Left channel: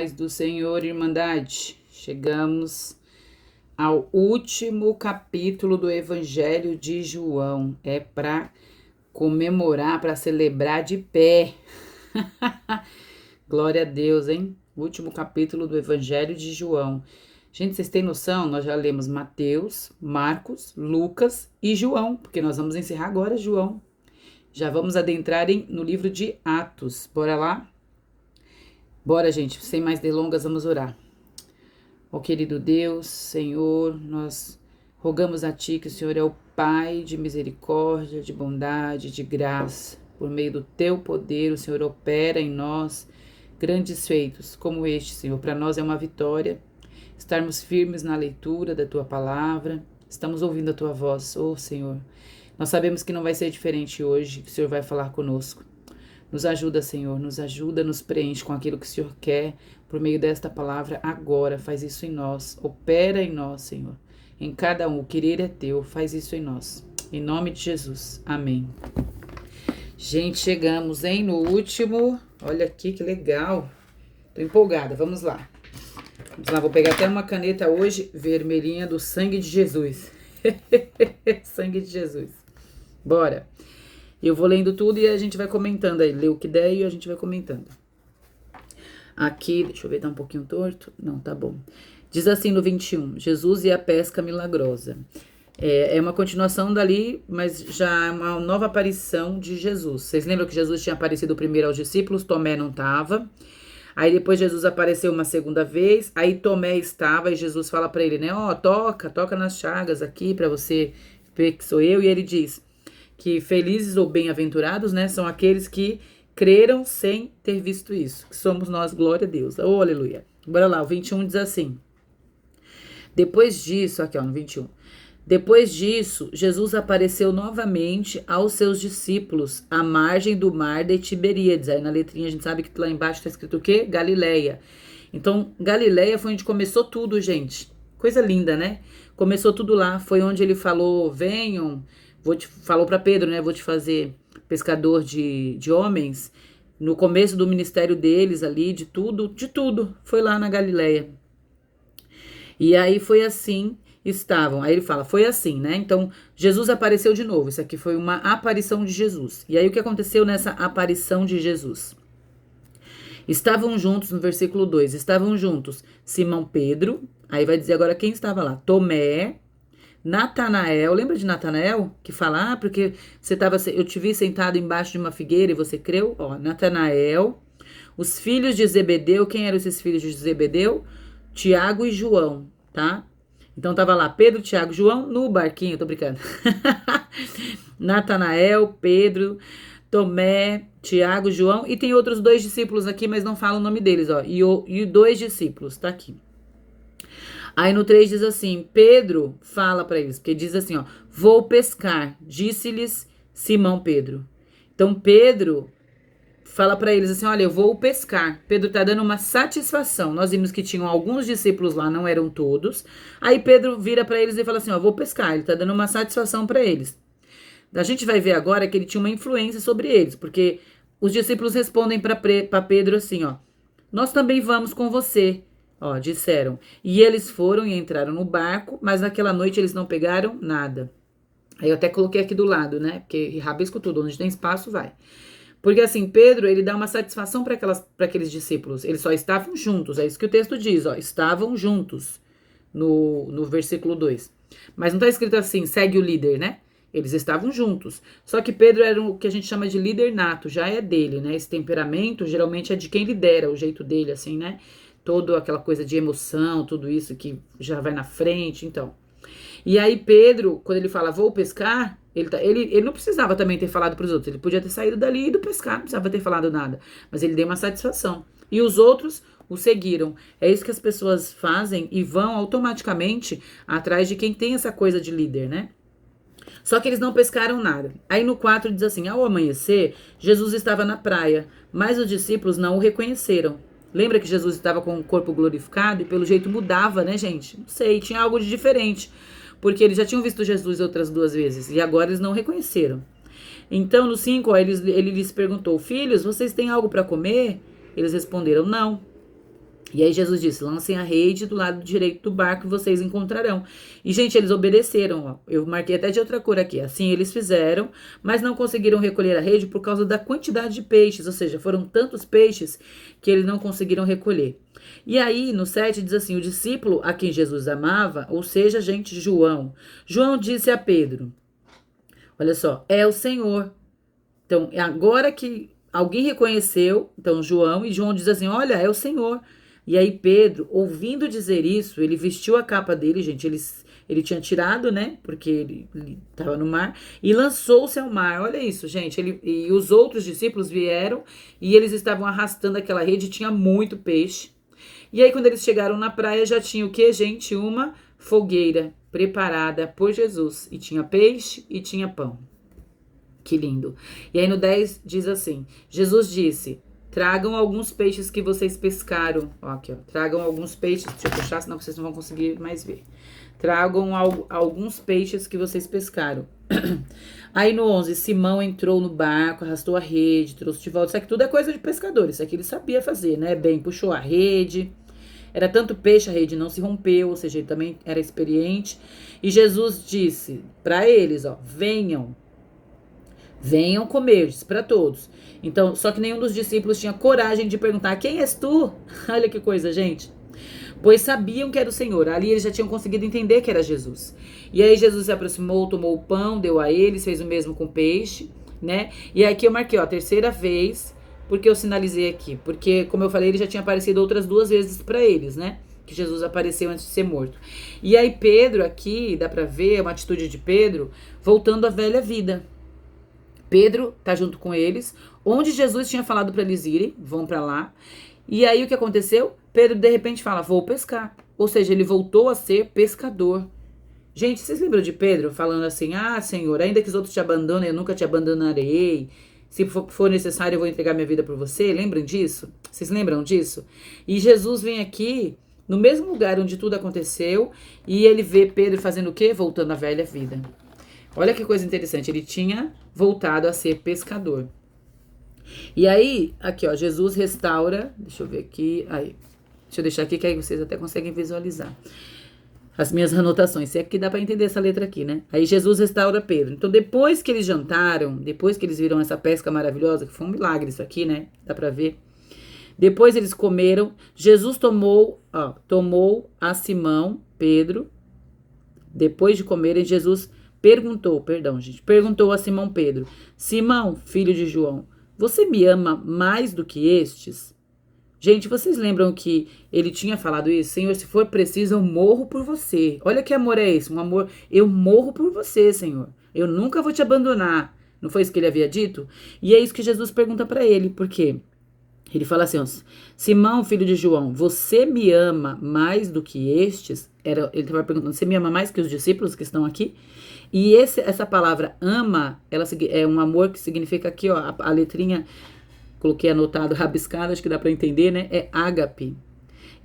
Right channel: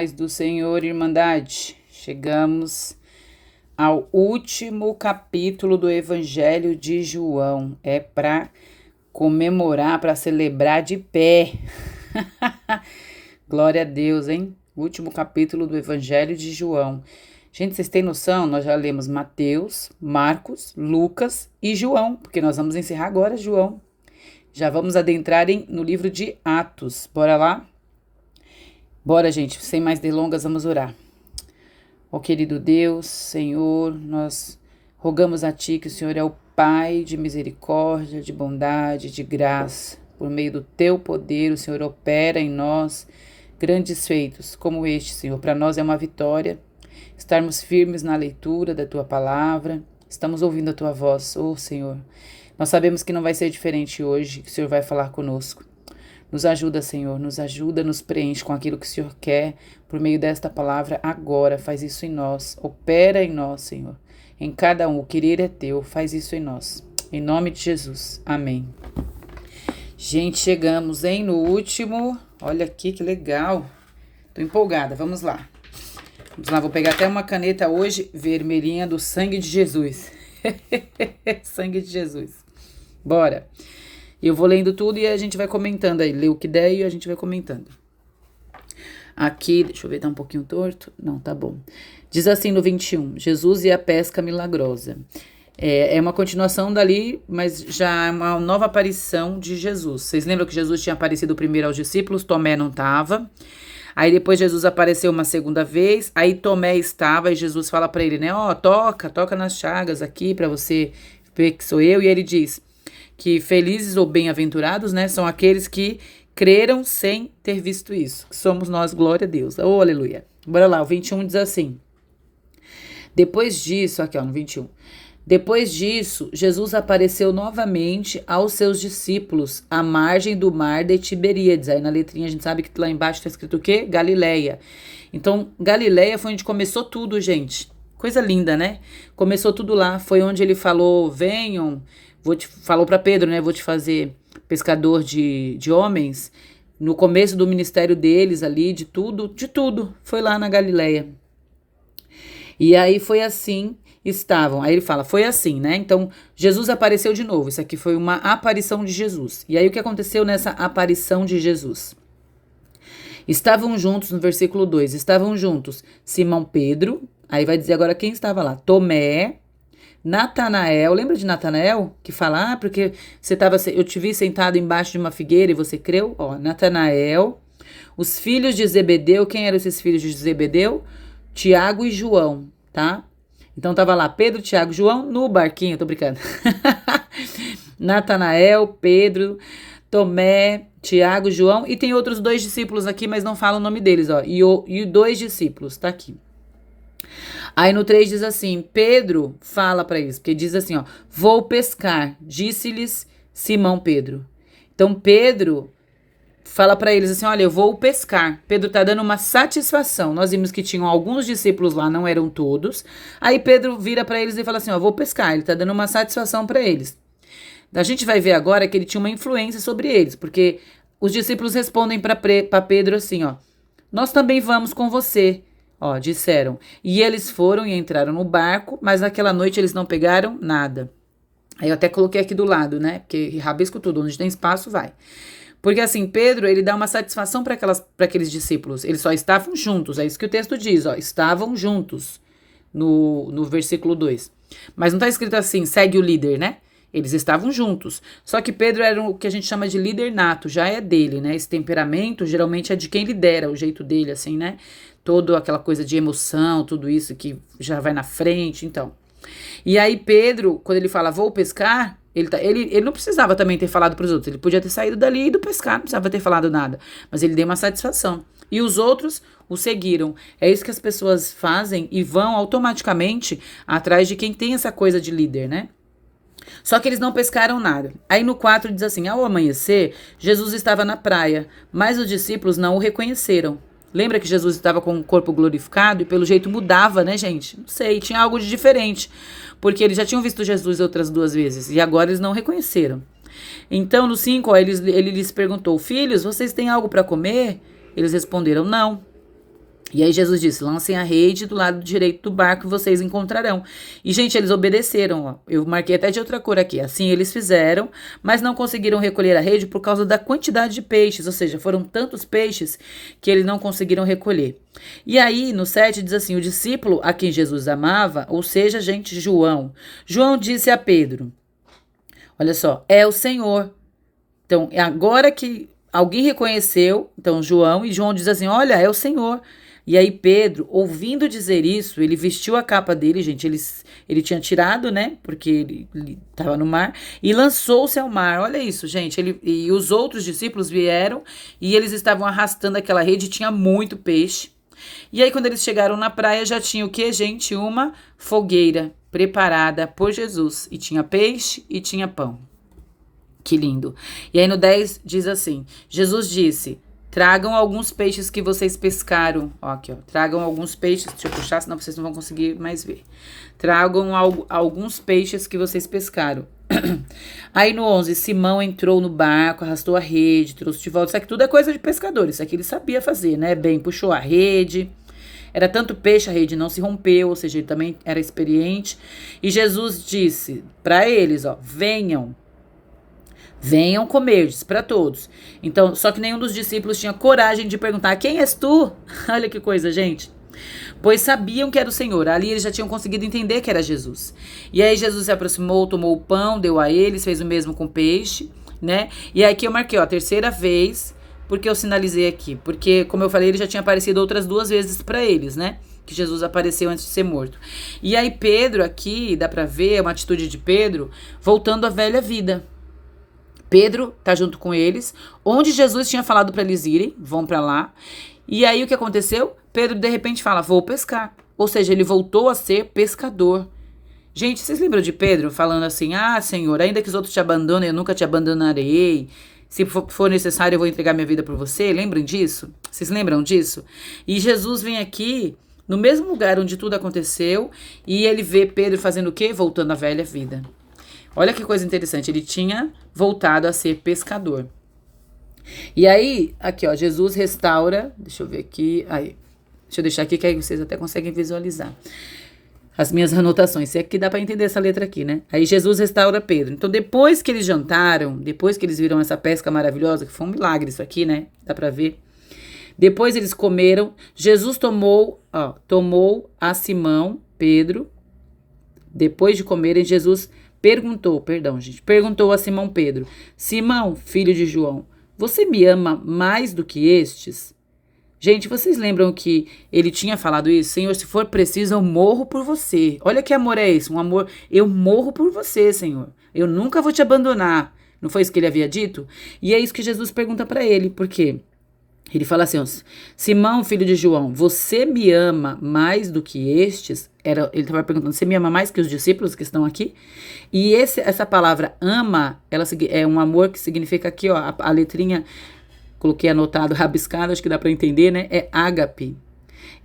paz do Senhor, Irmandade. Chegamos ao último capítulo do Evangelho de João. É para comemorar, para celebrar de pé. Glória a Deus, hein? Último capítulo do Evangelho de João. Gente, vocês têm noção? Nós já lemos Mateus, Marcos, Lucas e João, porque nós vamos encerrar agora João. Já vamos adentrar no livro de Atos. Bora lá? Bora, gente, sem mais delongas, vamos orar. Ó querido Deus, Senhor, nós rogamos a Ti que o Senhor é o Pai de misericórdia, de bondade, de graça. Por meio do Teu poder, o Senhor opera em nós grandes feitos como este, Senhor. Para nós é uma vitória estarmos firmes na leitura da Tua palavra. Estamos ouvindo a Tua voz, ó Senhor. Nós sabemos que não vai ser diferente hoje, que o Senhor vai falar conosco. Nos ajuda, Senhor, nos ajuda, nos preenche com aquilo que o Senhor quer por meio desta palavra agora. Faz isso em nós, opera em nós, Senhor. Em cada um, o querer é Teu, faz isso em nós. Em nome de Jesus, amém. Gente, chegamos, hein, no último. Olha aqui que legal. Tô empolgada, vamos lá. Vamos lá, vou pegar até uma caneta hoje vermelhinha do sangue de Jesus. Sangue de Jesus. Bora. Eu vou lendo tudo e a gente vai comentando aí. Lê o que der e a gente vai comentando. Aqui, deixa eu ver, tá um pouquinho torto? Não, tá bom. Diz assim no 21, Jesus e a pesca milagrosa. É uma continuação dali, mas já é uma nova aparição de Jesus. Vocês lembram que Jesus tinha aparecido primeiro aos discípulos? Tomé não estava. Aí depois Jesus apareceu uma segunda vez. Aí Tomé estava e Jesus fala pra ele, né? Ó, toca nas chagas aqui pra você ver que sou eu. E ele diz que felizes ou bem-aventurados, né, são aqueles que creram sem ter visto isso. Que somos nós, glória a Deus. Oh, aleluia. Bora lá, o 21 diz assim. Depois disso, aqui ó, no 21. Depois disso, Jesus apareceu novamente aos seus discípulos à margem do mar de Tiberíades. Aí na letrinha a gente sabe que lá embaixo está escrito o quê? Galileia. Então, Galileia foi onde começou tudo, gente. Coisa linda, né? Começou tudo lá. Foi onde ele falou, venham... falou para Pedro, né? Vou te fazer pescador de homens. No começo do ministério deles ali, de tudo. Foi lá na Galileia. E aí foi assim, estavam. Aí ele fala, foi assim, né? Então, Jesus apareceu de novo. Isso aqui foi uma aparição de Jesus. E aí o que aconteceu nessa aparição de Jesus? Estavam juntos, no versículo 2, estavam juntos Simão Pedro, aí vai dizer agora quem estava lá, Tomé, Natanael, lembra de Natanael? Que fala, porque eu te vi sentado embaixo de uma figueira e você creu? Ó, Natanael, os filhos de Zebedeu, quem eram esses filhos de Zebedeu? Tiago e João, tá? Então tava lá Pedro, Tiago, João no barquinho, tô brincando. Natanael, Pedro, Tomé, Tiago, João e tem outros 2 discípulos aqui, mas não fala o nome deles, ó. E 2 discípulos, tá aqui. Aí no 3 diz assim, Pedro fala para eles, porque diz assim, ó, vou pescar, disse-lhes Simão Pedro. Então Pedro fala para eles assim, olha, eu vou pescar. Pedro tá dando uma satisfação. Nós vimos que tinham alguns discípulos lá, não eram todos. Aí Pedro vira para eles e fala assim, ó, vou pescar. Ele tá dando uma satisfação para eles. A gente vai ver agora que ele tinha uma influência sobre eles, porque os discípulos respondem para Pedro assim, ó, nós também vamos com você. Ó, disseram. E eles foram e entraram no barco, mas naquela noite eles não pegaram nada. Aí eu até coloquei aqui do lado, né? Porque rabisco tudo, onde tem espaço vai. Porque assim, Pedro, ele dá uma satisfação para aqueles discípulos. Eles só estavam juntos, é isso que o texto diz, ó. Estavam juntos, no versículo 2. Mas não tá escrito assim, segue o líder, né? Eles estavam juntos. Só que Pedro era o que a gente chama de líder nato, já é dele, né? Esse temperamento geralmente é de quem lidera, o jeito dele, assim, né? Toda aquela coisa de emoção, tudo isso que já vai na frente, então. E aí Pedro, quando ele fala, vou pescar, ele não precisava também ter falado para os outros, ele podia ter saído dali e ido pescar, não precisava ter falado nada, mas ele deu uma satisfação. E os outros o seguiram. É isso que as pessoas fazem e vão automaticamente atrás de quem tem essa coisa de líder, né? Só que eles não pescaram nada. Aí no 4 diz assim, ao amanhecer, Jesus estava na praia, mas os discípulos não o reconheceram. Lembra que Jesus estava com o corpo glorificado e pelo jeito mudava, né, gente? Não sei, tinha algo de diferente. Porque eles já tinham visto Jesus outras 2 vezes e agora eles não reconheceram. Então, no 5, ele lhes perguntou, filhos, vocês têm algo para comer? Eles responderam, não. E aí Jesus disse, lancem a rede do lado direito do barco e vocês encontrarão. E, gente, eles obedeceram, ó. Eu marquei até de outra cor aqui. Assim eles fizeram, mas não conseguiram recolher a rede por causa da quantidade de peixes. Ou seja, foram tantos peixes que eles não conseguiram recolher. E aí, no 7, diz assim, o discípulo a quem Jesus amava, ou seja, gente, João. João disse a Pedro, olha só, é o Senhor. Então, agora que alguém reconheceu, então João, e João diz assim, olha, é o Senhor. E aí Pedro, ouvindo dizer isso, ele vestiu a capa dele, gente, ele tinha tirado, né, porque ele estava no mar, e lançou-se ao mar. Olha isso, gente, e os outros discípulos vieram e eles estavam arrastando aquela rede, tinha muito peixe. E aí quando eles chegaram na praia, já tinha o quê, gente? Uma fogueira preparada por Jesus. E tinha peixe e tinha pão. Que lindo. E aí no 10 diz assim, Jesus disse, tragam alguns peixes que vocês pescaram. Ó, aqui, ó. Tragam alguns peixes. Deixa eu puxar, senão vocês não vão conseguir mais ver. Tragam alguns peixes que vocês pescaram. Aí no 11, Simão entrou no barco, arrastou a rede, trouxe de volta. Isso aqui tudo é coisa de pescador. Isso aqui ele sabia fazer, né? Bem, puxou a rede. Era tanto peixe, a rede não se rompeu. Ou seja, ele também era experiente. E Jesus disse para eles, ó, venham comer, disse para todos. Então, só que nenhum dos discípulos tinha coragem de perguntar, quem és tu? Olha que coisa, gente. Pois sabiam que era o Senhor. Ali eles já tinham conseguido entender que era Jesus. E aí Jesus se aproximou, tomou o pão, deu a eles, fez o mesmo com o peixe, né? E aqui eu marquei, ó, a terceira vez, porque eu sinalizei aqui. Porque, como eu falei, ele já tinha aparecido outras 2 vezes para eles, né? Que Jesus apareceu antes de ser morto. E aí Pedro aqui, dá pra ver uma atitude de Pedro, voltando à velha vida. Pedro tá junto com eles, onde Jesus tinha falado para eles irem, vão para lá. E aí o que aconteceu? Pedro de repente fala, vou pescar. Ou seja, ele voltou a ser pescador. Gente, vocês lembram de Pedro falando assim, ah, Senhor, ainda que os outros te abandonem, eu nunca te abandonarei. Se for necessário, eu vou entregar minha vida por você. Lembram disso? Vocês lembram disso? E Jesus vem aqui, no mesmo lugar onde tudo aconteceu, e ele vê Pedro fazendo o quê? Voltando à velha vida. Olha que coisa interessante, ele tinha voltado a ser pescador. E aí, aqui ó, Jesus restaura, deixa eu ver aqui, aí, deixa eu deixar aqui que aí vocês até conseguem visualizar as minhas anotações, se é que dá para entender essa letra aqui, né? Aí Jesus restaura Pedro. Então depois que eles jantaram, depois que eles viram essa pesca maravilhosa, que foi um milagre isso aqui, né? Dá para ver. Depois eles comeram, Jesus tomou a Simão, Pedro, depois de comerem, Jesus perguntou a Simão Pedro, Simão, filho de João, você me ama mais do que estes? Gente, vocês lembram que ele tinha falado isso? Senhor, se for preciso, eu morro por você. Olha que amor é esse, um amor, eu morro por você, Senhor. Eu nunca vou te abandonar. Não foi isso que ele havia dito? E é isso que Jesus pergunta para ele, por quê? Ele fala assim, ó, Simão, filho de João, você me ama mais do que estes? Ele estava perguntando, você me ama mais que os discípulos que estão aqui? E essa palavra ama, ela é um amor que significa aqui, ó, a letrinha, coloquei anotado, rabiscado, acho que dá para entender, né? É ágape.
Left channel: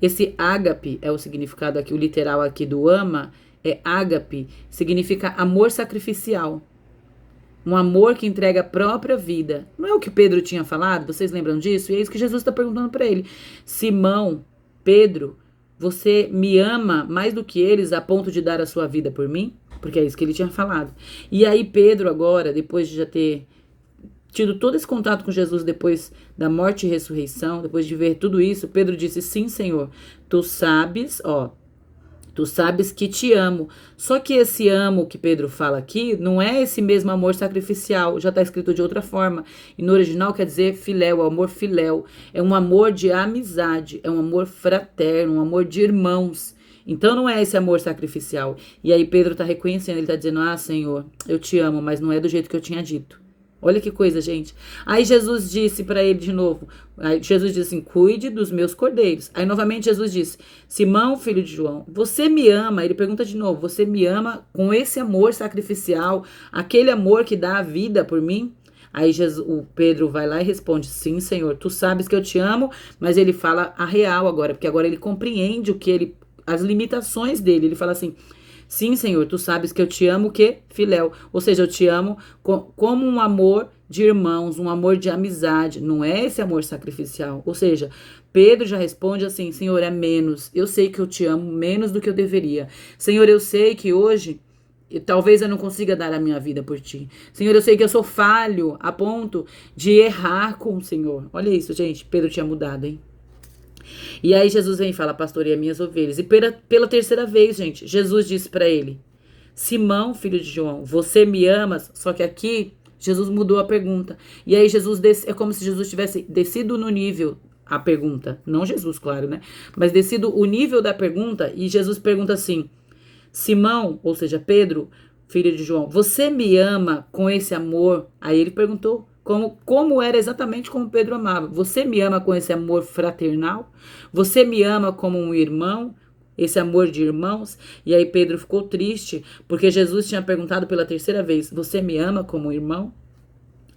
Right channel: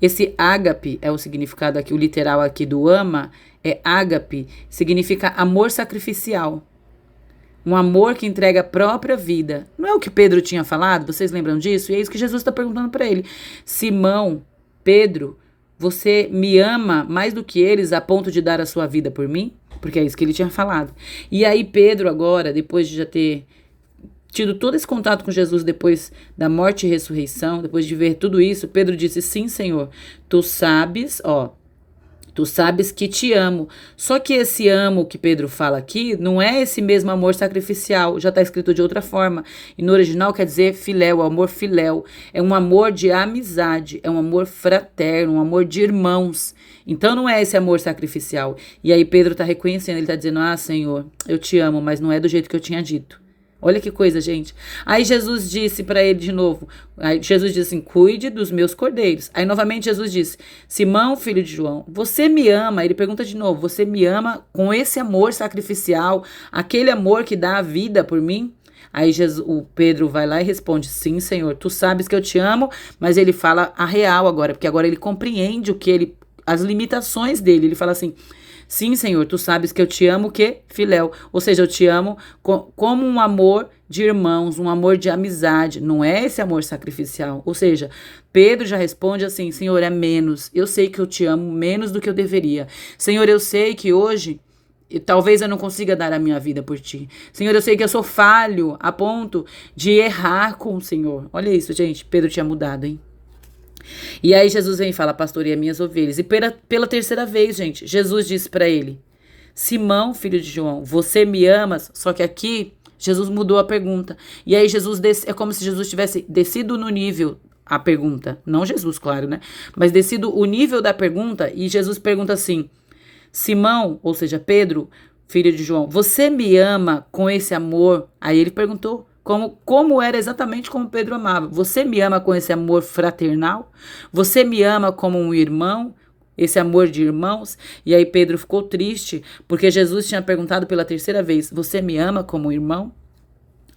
Esse ágape é o significado aqui, o literal aqui do ama, é ágape, significa amor sacrificial. Um amor que entrega a própria vida. Não é o que Pedro tinha falado? Vocês lembram disso? E é isso que Jesus está perguntando para ele. Simão, Pedro, você me ama mais do que eles a ponto de dar a sua vida por mim? Porque é isso que ele tinha falado. E aí Pedro agora, depois de já ter tido todo esse contato com Jesus depois da morte e ressurreição, depois de ver tudo isso, Pedro disse, sim, Senhor, tu sabes que te amo. Só que esse amo que Pedro fala aqui não é esse mesmo amor sacrificial, já está escrito de outra forma. E no original quer dizer filéu, amor filéu. É um amor de amizade, é um amor fraterno, um amor de irmãos. Então não é esse amor sacrificial. E aí Pedro está reconhecendo, ele está dizendo, ah, Senhor, eu te amo, mas não é do jeito que eu tinha dito. Olha que coisa, gente. Aí Jesus disse para ele de novo. Aí Jesus disse assim, cuide dos meus cordeiros. Aí novamente Jesus disse, Simão, filho de João, você me ama? Ele pergunta de novo, você me ama com esse amor sacrificial, aquele amor que dá a vida por mim? Aí o Pedro vai lá e responde, sim, Senhor, tu sabes que eu te amo, mas ele fala a real agora, porque agora ele compreende as limitações dele. Ele fala assim, sim, Senhor, tu sabes que eu te amo, o quê? Filéu. Ou seja, eu te amo como um amor de irmãos, um amor de amizade, não é esse amor sacrificial. Ou seja, Pedro já responde assim: Senhor, é menos. Eu sei que eu te amo menos do que eu deveria. Senhor, eu sei que hoje talvez eu não consiga dar a minha vida por ti. Senhor, eu sei que eu sou falho a ponto de errar com o Senhor. Olha isso, gente. Pedro tinha mudado, hein? E aí Jesus vem e fala: pastoreia minhas ovelhas. E pela terceira vez, gente, Jesus disse para ele: Simão, filho de João, você me amas? Só que aqui Jesus mudou a pergunta. E aí é como se Jesus tivesse descido no nível a pergunta. Não Jesus, claro, né? Mas descido o nível da pergunta e Jesus pergunta assim: Simão, ou seja, Pedro, filho de João, você me ama com esse amor? Aí ele perguntou como era exatamente como Pedro amava. Você me ama com esse amor fraternal? Você me ama como um irmão? Esse amor de irmãos? E aí Pedro ficou triste, porque Jesus tinha perguntado pela terceira vez: você me ama como irmão?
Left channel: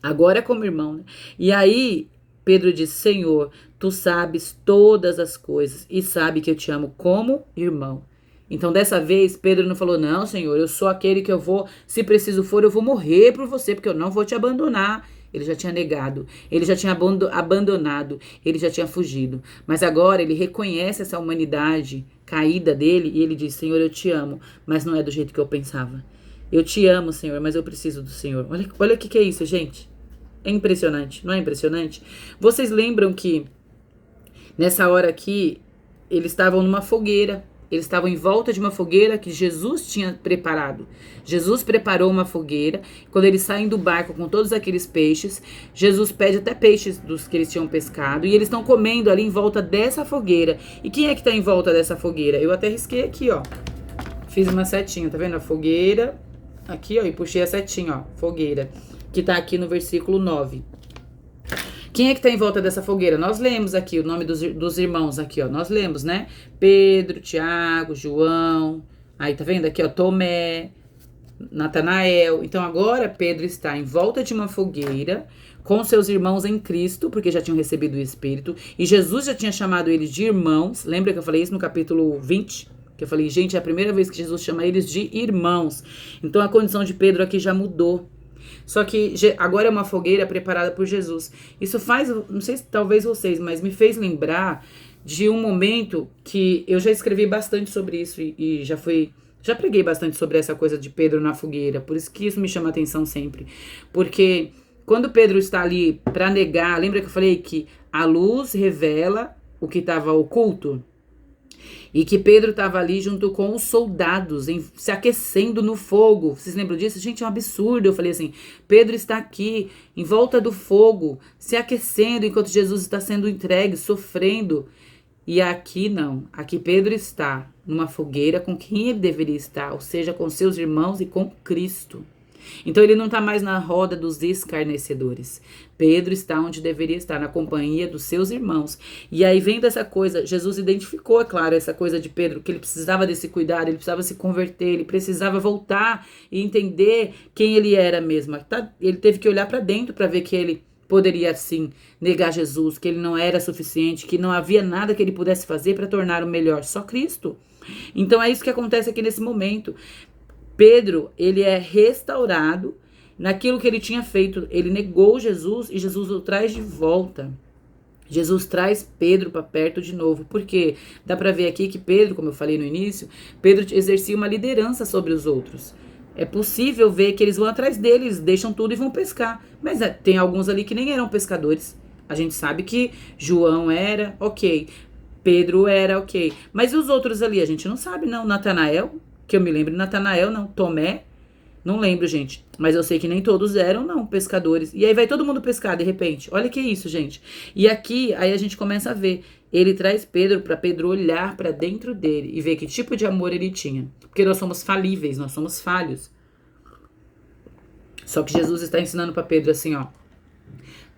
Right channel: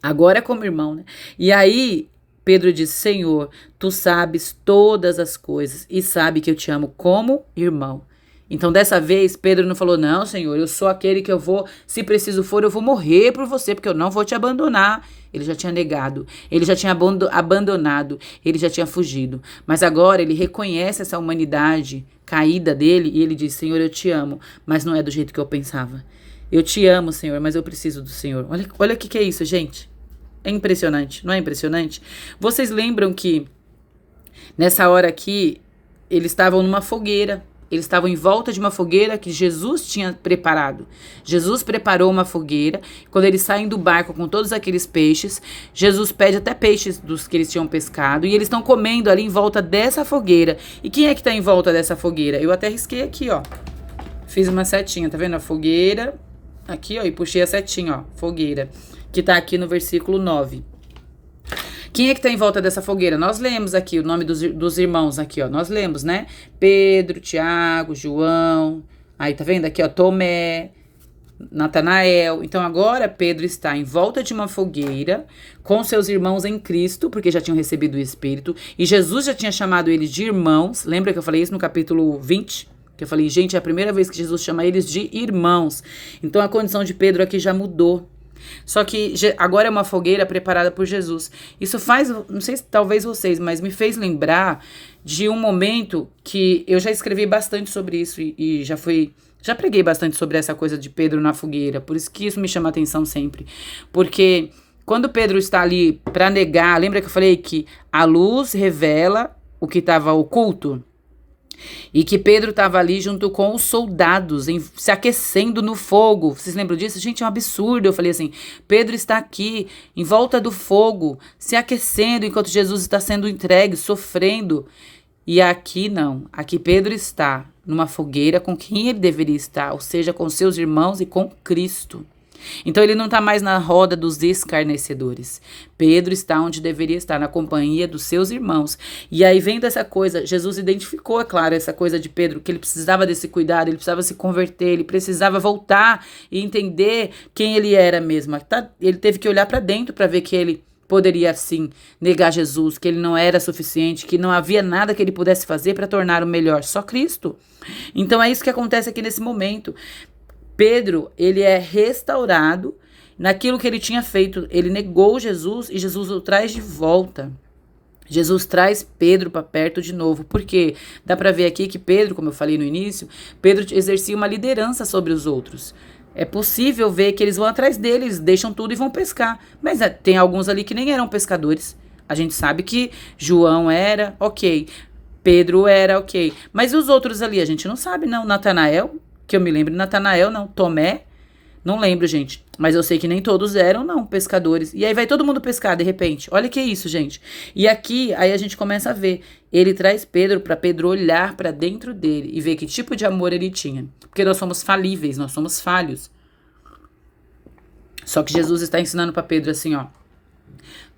Agora é como irmão, né? E aí Pedro disse: Senhor, tu sabes todas as coisas e sabe que eu te amo como irmão. Então, dessa vez, Pedro não falou: não, Senhor, eu sou aquele que eu vou, se preciso for, eu vou morrer por você, porque eu não vou te abandonar. Ele já tinha negado, ele já tinha abandonado, ele já tinha fugido. Mas agora ele reconhece essa humanidade caída dele e ele diz: Senhor, eu te amo, mas não é do jeito que eu pensava. Eu te amo, Senhor, mas eu preciso do Senhor. Olha o que é isso, gente. É impressionante, não é impressionante? Vocês lembram que nessa hora aqui eles estavam numa fogueira. Eles estavam em volta de uma fogueira que Jesus tinha preparado. Jesus preparou uma fogueira. Quando eles saem do barco com todos aqueles peixes, Jesus pede até peixes dos que eles tinham pescado. E eles estão comendo ali em volta dessa fogueira. E quem é que está em volta dessa fogueira? Eu até risquei aqui, ó. Fiz uma setinha, tá vendo? A fogueira. Aqui, ó, e puxei a setinha, ó. Fogueira. Que tá aqui no versículo 9. Quem é que tá em volta dessa fogueira? Nós lemos aqui o nome dos irmãos aqui, ó. Nós lemos, né? Pedro, Tiago, João. Aí, tá vendo aqui, ó? Tomé, Natanael. Então, agora Pedro está em volta de uma fogueira com seus irmãos em Cristo, porque já tinham recebido o Espírito. E Jesus já tinha chamado eles de irmãos. Lembra que eu falei isso no capítulo 20? Que eu falei, gente, é a primeira vez que Jesus chama eles de irmãos. Então, a condição de Pedro aqui já mudou. Só que agora é uma fogueira preparada por Jesus. Isso faz, não sei se talvez vocês, mas me fez lembrar de um momento que eu já escrevi bastante sobre isso e já preguei bastante sobre essa coisa de Pedro na fogueira. Por isso que isso me chama a atenção sempre. Porque quando Pedro está ali para negar, lembra que eu falei que a luz revela o que estava oculto? E que Pedro estava ali junto com os soldados, se aquecendo no fogo. Vocês lembram disso? Gente, é um absurdo. Eu falei assim, Pedro está aqui, em volta do fogo, se aquecendo, enquanto Jesus está sendo entregue, sofrendo. E aqui não. Aqui Pedro está numa fogueira com quem ele deveria estar, ou seja, com seus irmãos e com Cristo. Então ele não está mais na roda dos escarnecedores. Pedro está onde deveria estar, na companhia dos seus irmãos. E aí vendo essa coisa, Jesus identificou, é claro, essa coisa de Pedro, que ele precisava desse cuidado, ele precisava se converter, ele precisava voltar e entender quem ele era mesmo. Ele teve que olhar para dentro para ver que ele poderia sim negar Jesus, que ele não era suficiente, que não havia nada que ele pudesse fazer para tornar o melhor, só Cristo. Então é isso que acontece aqui nesse momento. Pedro, ele é restaurado naquilo que ele tinha feito. Ele negou Jesus e Jesus o traz de volta. Jesus traz Pedro para perto de novo. Porque dá para ver aqui que Pedro, como eu falei no início, Pedro exercia uma liderança sobre os outros. É possível ver que eles vão atrás deles, deixam tudo e vão pescar. Mas tem alguns ali que nem eram pescadores. A gente sabe que João era, ok. Pedro era, ok. Mas e os outros ali? A gente não sabe, não. Natanael, que eu me lembro, Natanael, não. Tomé, não lembro, gente. Mas eu sei que nem todos eram, não, pescadores. E aí vai todo mundo pescar, de repente. Olha que isso, gente. E aqui, aí a gente começa a ver. Ele traz Pedro para Pedro olhar para dentro dele e ver que tipo de amor ele tinha. Porque nós somos falíveis, nós somos falhos. Só que Jesus está ensinando para Pedro assim, ó.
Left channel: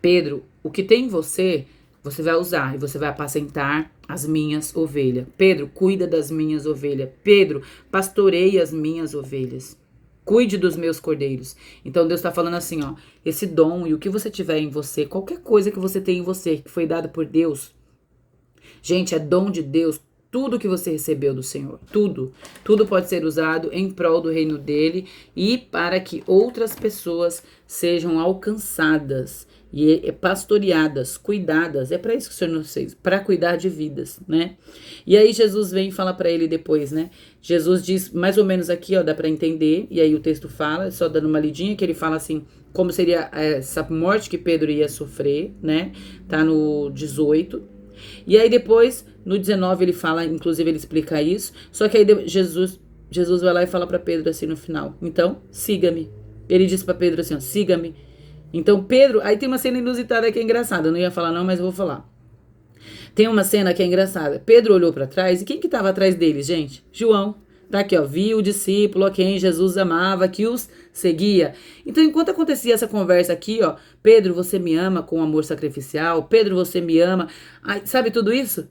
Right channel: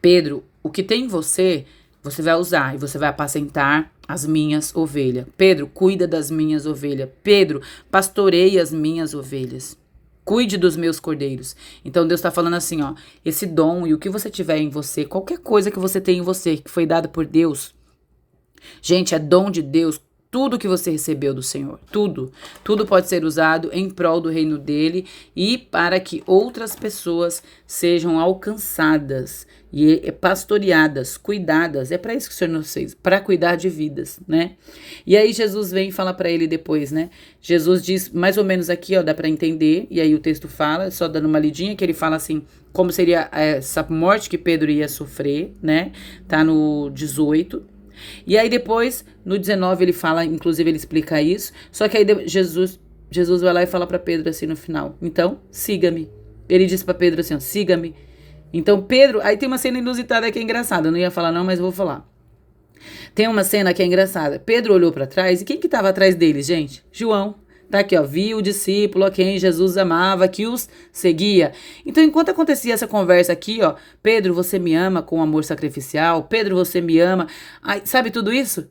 Pedro, o que tem em você, você vai usar e você vai apacentar as minhas ovelhas. Pedro, cuida das minhas ovelhas. Pedro, pastoreia as minhas ovelhas. Cuide dos meus cordeiros. Então Deus está falando assim, ó. Esse dom e o que você tiver em você, qualquer coisa que você tem em você, que foi dado por Deus. Gente, é dom de Deus. tudo que você recebeu do Senhor, tudo pode ser usado em prol do reino dele e para que outras pessoas sejam alcançadas e pastoreadas, cuidadas. É para isso que o Senhor nos fez, para cuidar de vidas, né? E aí Jesus vem e fala para ele depois, né? Jesus diz mais ou menos aqui, ó, dá para entender, e aí o texto fala, só dando uma lidinha, que ele fala assim, como seria essa morte que Pedro ia sofrer, né? Tá no 18. E aí depois, no 19, ele fala, inclusive ele explica isso, só que aí Jesus vai lá e fala para Pedro assim no final, então, siga-me. Ele disse para Pedro assim, ó, siga-me. Então Pedro, aí tem uma cena inusitada que é engraçada, eu não ia falar não, mas vou falar. Tem uma cena que é engraçada. Pedro olhou para trás e quem que estava atrás deles, gente? João. Tá aqui, ó, viu o discípulo a quem Jesus amava, que os seguia. Então, enquanto acontecia essa conversa aqui, ó, Pedro, você me ama com amor sacrificial, Pedro, você me ama, ai, sabe tudo isso?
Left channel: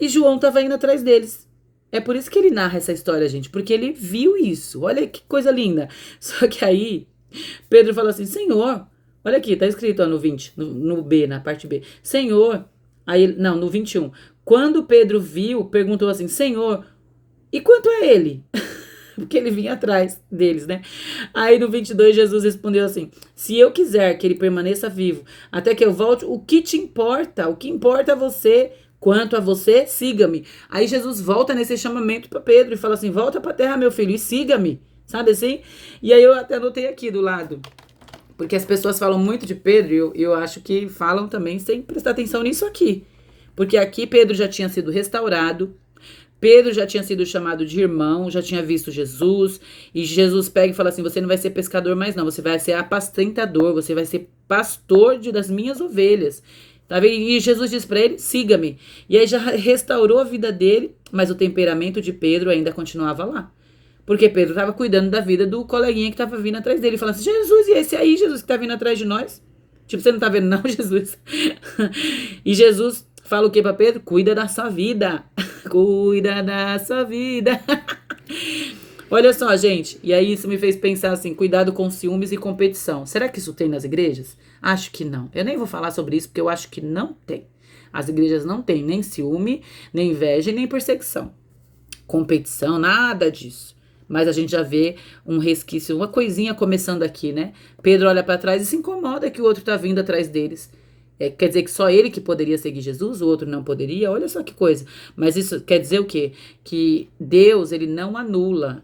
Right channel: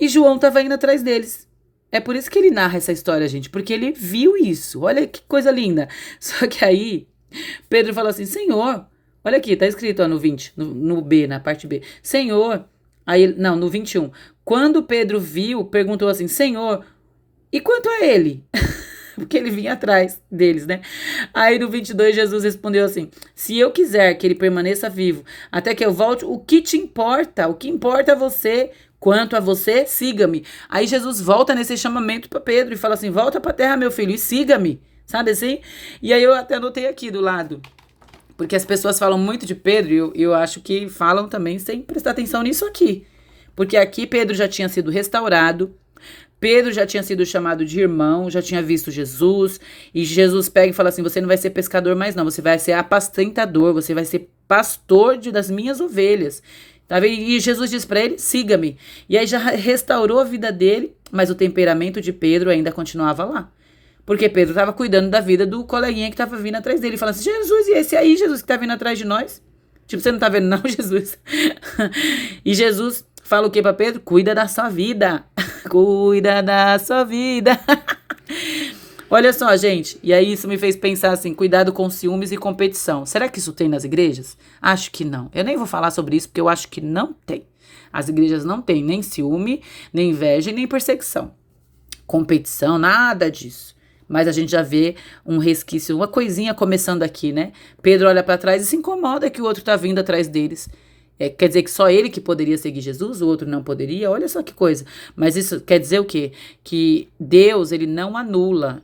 E João estava indo atrás deles. É por isso que ele narra essa história, gente, porque ele viu isso. Olha que coisa linda. Só que aí, Pedro falou assim, Senhor, olha aqui, tá escrito ó, no 20, no B, na parte B. Senhor, aí, não, no 21. Quando Pedro viu, perguntou assim, Senhor, e quanto a ele? Porque ele vinha atrás deles, né? Aí no 22 Jesus respondeu assim, se eu quiser que ele permaneça vivo até que eu volte, o que te importa? O que importa é você? Quanto a você, siga-me. Aí Jesus volta nesse chamamento para Pedro e fala assim, volta para a terra, meu filho, e siga-me. Sabe assim? E aí eu até anotei aqui do lado. Porque as pessoas falam muito de Pedro e eu acho que falam também sem prestar atenção nisso aqui. Porque aqui Pedro já tinha sido restaurado, Pedro já tinha sido chamado de irmão, já tinha visto Jesus, e Jesus pega e fala assim, você não vai ser pescador mais não, você vai ser apacentador, você vai ser pastor das minhas ovelhas. Tá vendo? E Jesus diz para ele, siga-me. E aí já restaurou a vida dele, mas o temperamento de Pedro ainda continuava lá. Porque Pedro estava cuidando da vida do coleguinha que estava vindo atrás dele, falando assim, Jesus, e esse aí, Jesus, que tá vindo atrás de nós? Tipo, você não tá vendo não, Jesus? E Jesus fala o que para Pedro? Cuida da sua vida. Cuida da sua vida. Olha só, gente. E aí isso me fez pensar assim, cuidado com ciúmes e competição. Será que isso tem nas igrejas? Acho que não. Eu nem vou falar sobre isso porque eu acho que não tem. As igrejas não têm nem ciúme, nem inveja, nem perseguição. Competição, nada disso. Mas a gente já vê um resquício, uma coisinha começando aqui, né? Pedro olha para trás e se incomoda que o outro tá vindo atrás deles. Quer dizer que só ele que poderia seguir Jesus, o outro não poderia? Olha só que coisa. Mas isso quer dizer o quê? Que Deus, ele não anula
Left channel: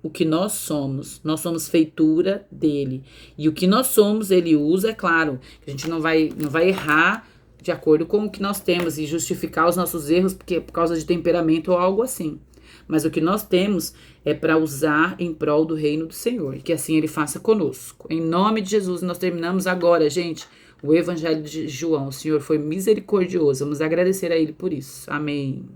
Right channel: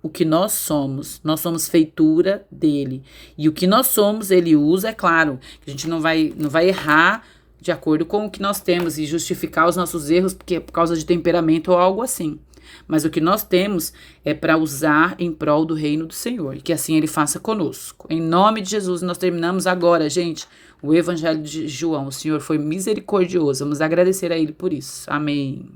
o que nós somos. Nós somos feitura dele. E o que nós somos, ele usa, é claro. A gente não vai errar de acordo com o que nós temos e justificar os nossos erros porque por causa de temperamento ou algo assim. Mas o que nós temos é para usar em prol do reino do Senhor. E que assim ele faça conosco. Em nome de Jesus, nós terminamos agora, gente, o Evangelho de João. O Senhor foi misericordioso. Vamos agradecer a ele por isso. Amém.